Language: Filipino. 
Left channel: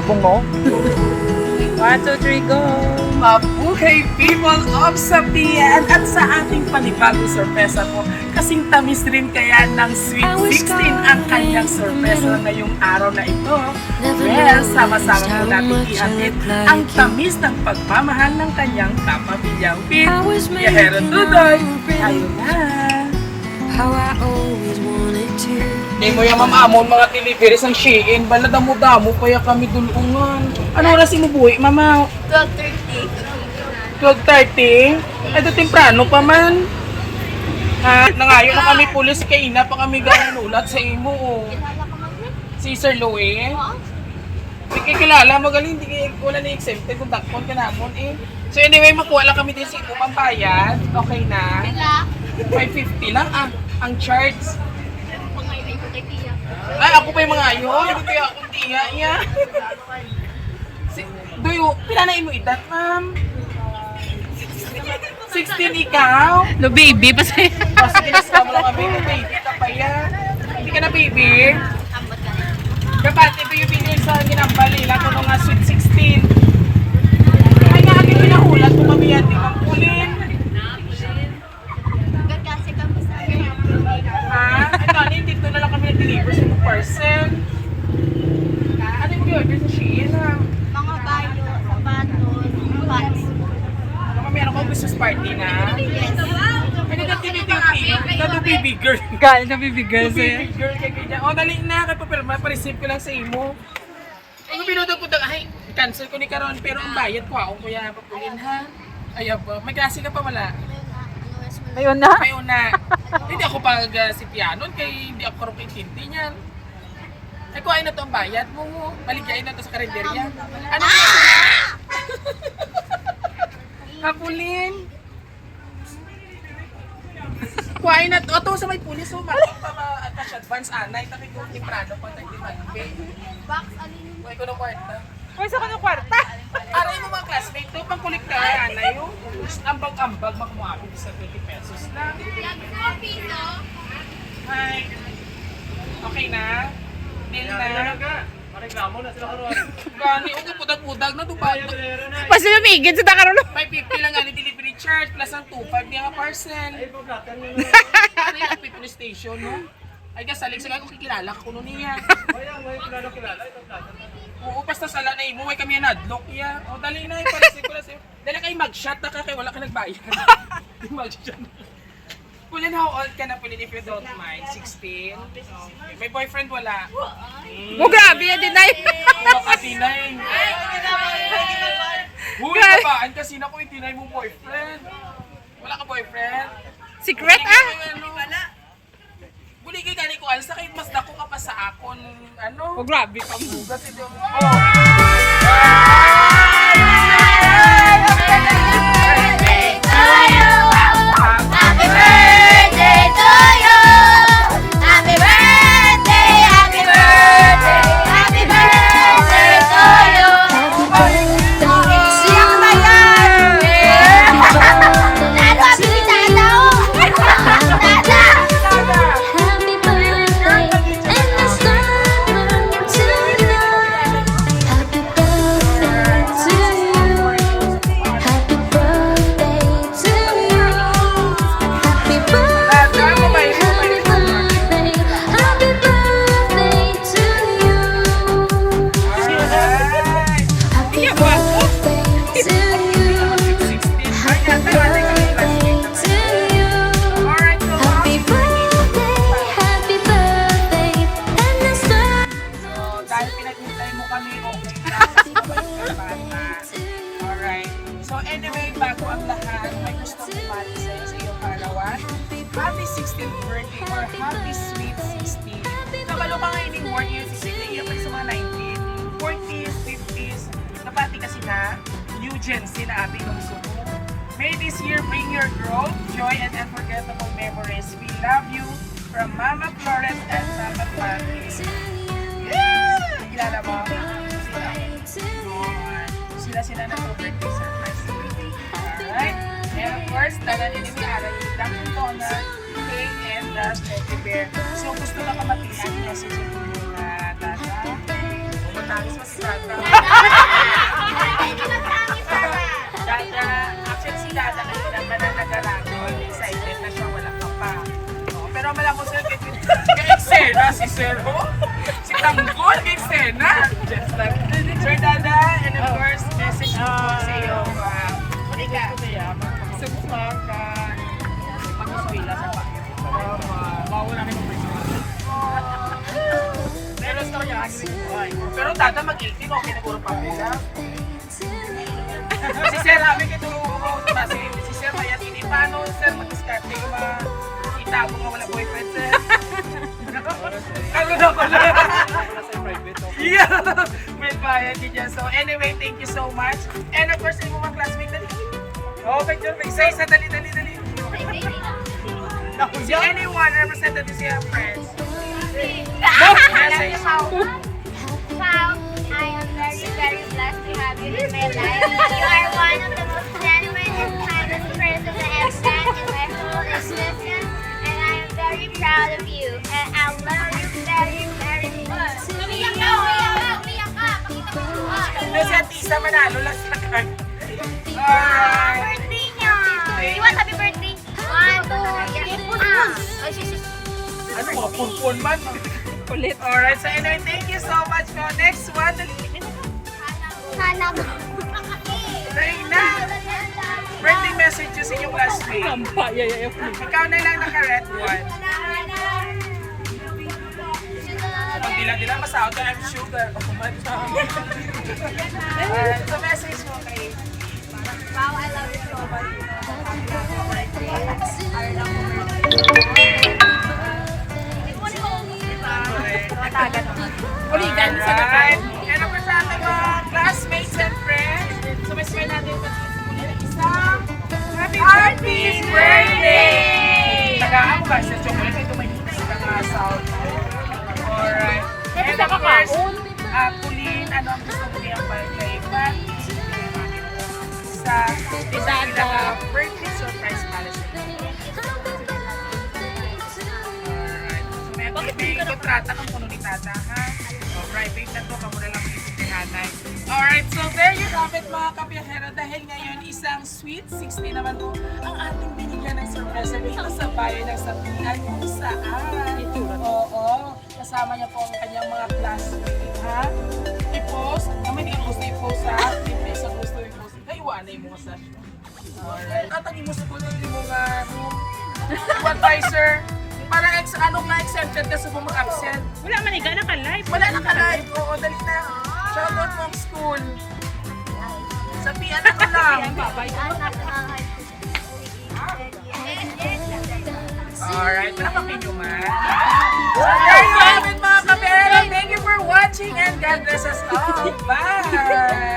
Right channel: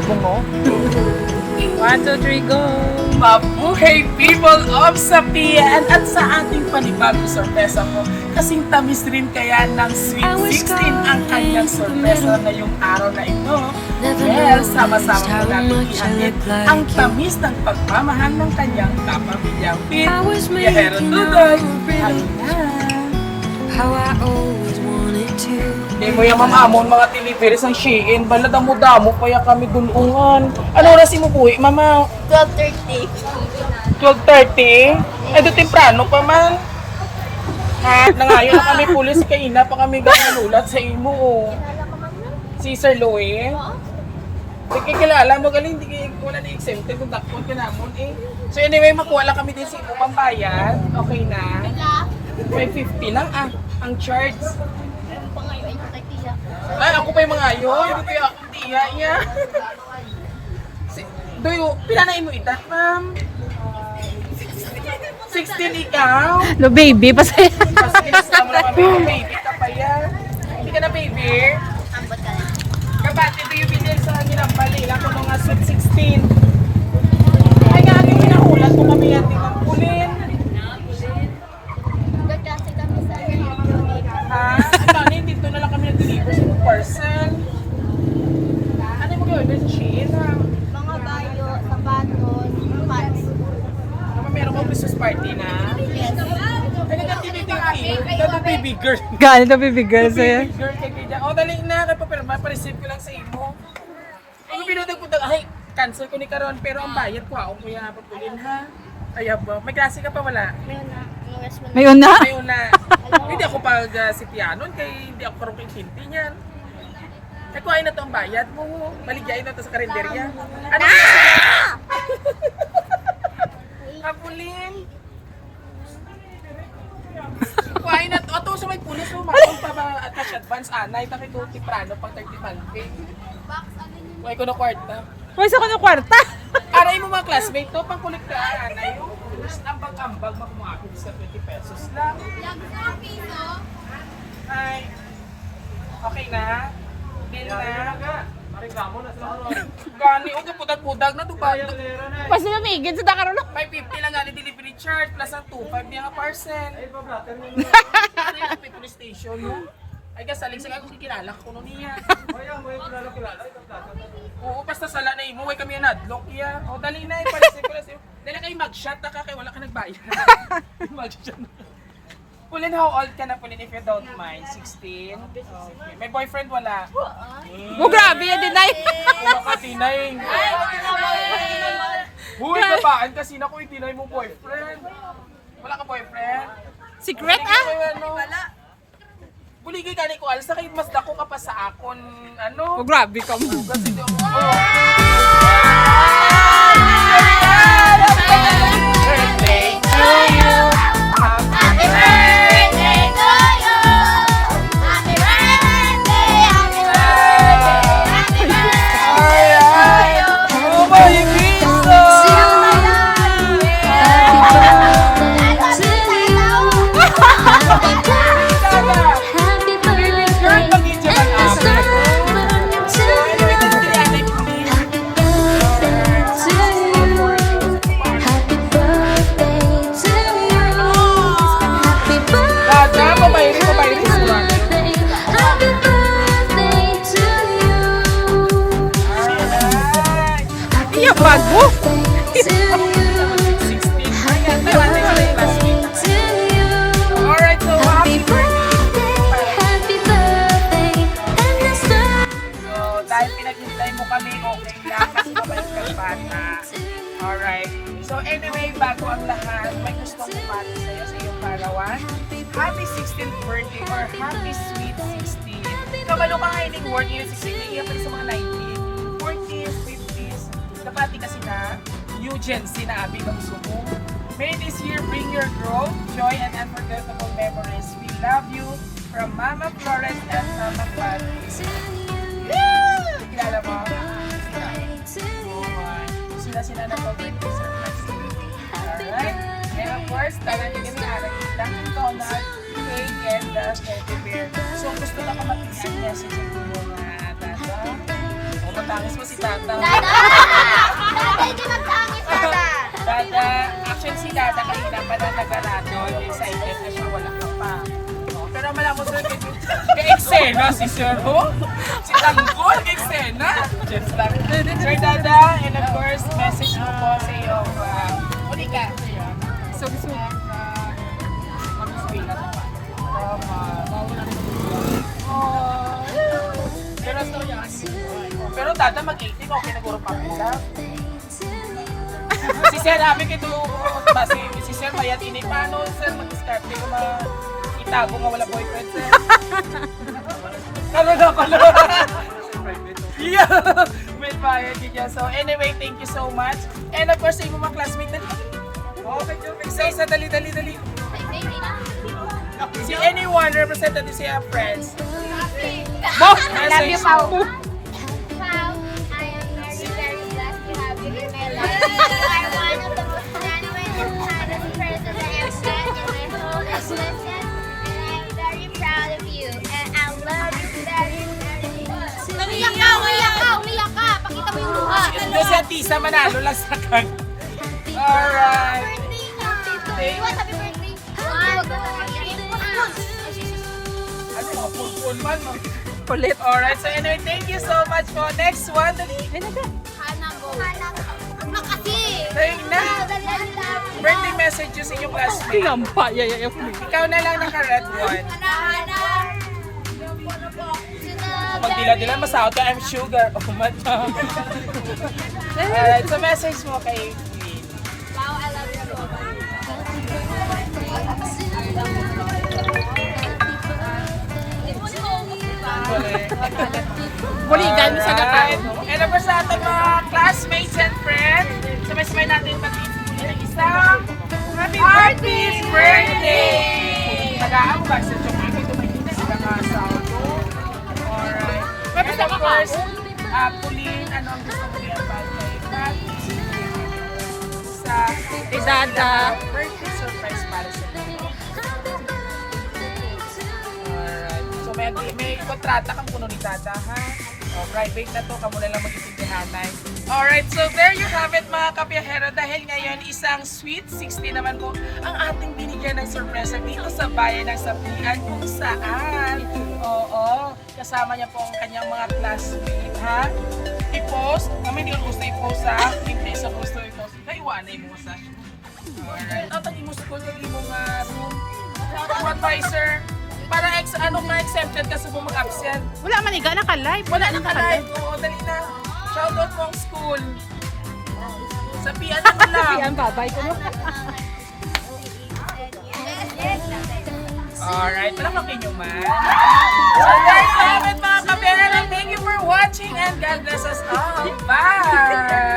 Jibong mo. 1, 2, 3, go! Mabuhay people of Sapian at sa ating panibagong sorpresa po. Kasing tamis rin kaya ng Sweet 16 ang kanyang sorpresa ngayong araw na ito. Well, sama-sama po natin ihatid ang tamis ng pagmamahal ng kanyang kapabilyang pin. Yahero Tudoy, ayun na. How I always wanted to. Hindi mo yung mga amon mga deliveries ng Shein. Bala damo-damo kaya kami dulungan. Ano oras imubuhi, mama? 12:30. 12:30? Ito temprano pa man. Nangayon na kami pulis kay ina pa kami gananulat sa imo. Oh. Si Sir Louie. Hindi kayo kilala, magaling, wala na exempted kung takpon kinamon eh. So anyway, makuha lang kami din sa imo pambayad. Okay na. 550 lang ang charge. Pangayo ay ko kay Tia. Ay, ako pa yung mga ayon. Hindi kaya akong tiya niya. Doyo, pinanain mo edad, ma'am? 16 ikaw? No, baby, pasaya. Mas bilis na kami yung baby. Kaya, hindi ka na baby. Ambot ka na. Kapag ito yung binil sa ginambali, lang ko mga sweet 16. Ay nga, ito yung kulat ko kami yan din ng kulin. Hanggang kasi kami sa Ha? Ito, dito na lang kami deliver sa person. Ano yung order sa Shein, ha? mga bayo, sapatos, pants. Meron kong Christmas party na. Yes. Ano na tinitipin? Ano baby girl? Gaano na baby girl sa'yo? Baby girl kay kanya. O dali na kay papel, mapareceive ko lang sa imo. Ang pinunod ko ay cancel ko ni Karon pero ang bayad ko ako kuya papulin ha. Ay ba, may klase ka pa wala. Mayon na. Ano wes mo na? Ngayon na? May una. Hindi ako pag si piano kay hindi ako karong kaintindi niyan. Ay kuhain na to ang bayad mo. Baligyain na to sa karinderya. Ano? Kapulin. Kuhain na to. Ito sa may pulis mo. Matong pa mga attach advance anay. Takito timprano pa 35 pay. Kuhain ko na kwarta. Pwes ako ng kwarta. Aray mo mga classmate to. Pang-kolekta ay anay. Ambag-ambag makumapit sa 20 pesos lang. Ay. Okay na? Deal na? Mareklamo na sila karon. Gani, okay, pudag-pudag na to pa. Mas lumigid sa takaroon. May 50 lang gani delivery charge plus ang 2.5 niya nga parcel. Ay, pa-blatter nyo na. Ano yung people station, no? I guess, saling sila kung kikilala ko nun niya. Ay, ang mga kilala, ito blatter. Oo, basta sala na imuwi kami yung nadlock niya. O, dali na, iparisip ko na sa'yo. Dali kayo mag-shot na ka, kaya wala ka nagbayad. Mag-shot na. Pulin, how old ka na, Pulin, if you don't mind? 16? Okay. May boyfriend wala? Oh, grabe yan din ay. Wala ka tinay. Uy, kapaan kasi na kung itinay mo boyfriend. Wala ka boyfriend? Secret ah? Wala. Buligay ka ni ko, alas na kayo mas dako ka pa sa akon, ano? Oh, grabe ka mo. Kasi anyway, bago ang lahat, may gusto kong mati sa'yo sa iyong parawan. Happy 16th birthday or happy sweet 16. So, malumangaining word yun sa siniya pa sa mga 19, 40s, 50s. Napati kasi na, new Gen Z na ating kamusumo. May this year bring your growth, joy, and unforgettable memories. We love you from Mama Florence and Mama Clary. Kilala mo? Sila na pag-ibig sa alright? And of course, talagang din na lang yung Donald, Cake, and the Teddy Bear. So, gusto na kamatihan niya sa yung tata. Matangis mo si tata. Si Zero, si Tanggol, kay Sena. Just like, Sir Dada, and of course, message ko sa iyo. Hindi ka. So, gusto mo ka mag-uswila sa bayan. Bawa namin ng pwesto. Pero ito niya, pero Dada, mag-18, okay na puro pa nila. Si Sir, amin ito, si Sir, kaya tinipano, Sir, mag-discard ko itago mo wala boyfriend, Sir. Karoon ako na. Yeah. Well, bayan niya. So, anyway, thank you so much. And of course, yung mga classmate dali. Okay, isa-isa, dali. Si anyone, representative siya, friends. I love you so much. Wow, I am very, very blessed to have you in my life. You are one of the most genuine and kindest persons I have met in my whole existence. And I am very proud of you. And I love you very, very much. Umiyak ka! Pakita mo yung mukha. Hindi si Atisa, manalo lang sa kan. Happy Alright. birthday niya! You want happy birthday? Ano, purpun man. Kulit. Alright, so anyway, thank you so much po. Next one, dali. Hanap. Makati. Dali na. Birthday messages sa inyong classmate. Nampa, yayayap mo. Ikaw na lang naka-red one. Pag dila-dila, masahod ka, I'm sugar. Oh my God. Alright, so message mo kay Wow, I love you so much. Hindi mo naubos, diba? Buligan sa Alright. gakaon. And of course, sa ating mga classmates and friends, sumasya natin isang happy birthday! Nagaan mo ba sa chocolate? Ito may kita isang salto. Alright. Tapos And of course, nakakaon. Pauline, ano ang gusto mo i-apply kay Pat? Sa Dada. birthday surprise para sa inyo. Alright. So may kontrata kang puno ni Tata, ha? O, private na to, kamo na lang mag-isip ni nanay. Alright, so there you have it mga kapiyahero. Dahil ngayon isang sweet 60 naman po ang ating binigyan ng sorpresa dito sa bayan ng Sapian kung saan. Oo, kasama niya po ang kanyang mga classmates, ha? I-post, kami hindi ko gusto i-post ha. Hindi sa gusto i-post. Kayo wanay mo sa show. Alright. Tatagin mo sa gusto mo nga advisor. Parang ano na exempted ka sa bumag-absent. Wala man iga naka-live. Wala na ka live. Oo, dali na. Shoutout mo ang school. Sabihan mo lang. Yan, babay ko. Alright, palapakin nyo man. So there you have it mga kapera. Thank you for watching and God bless us all. Bye!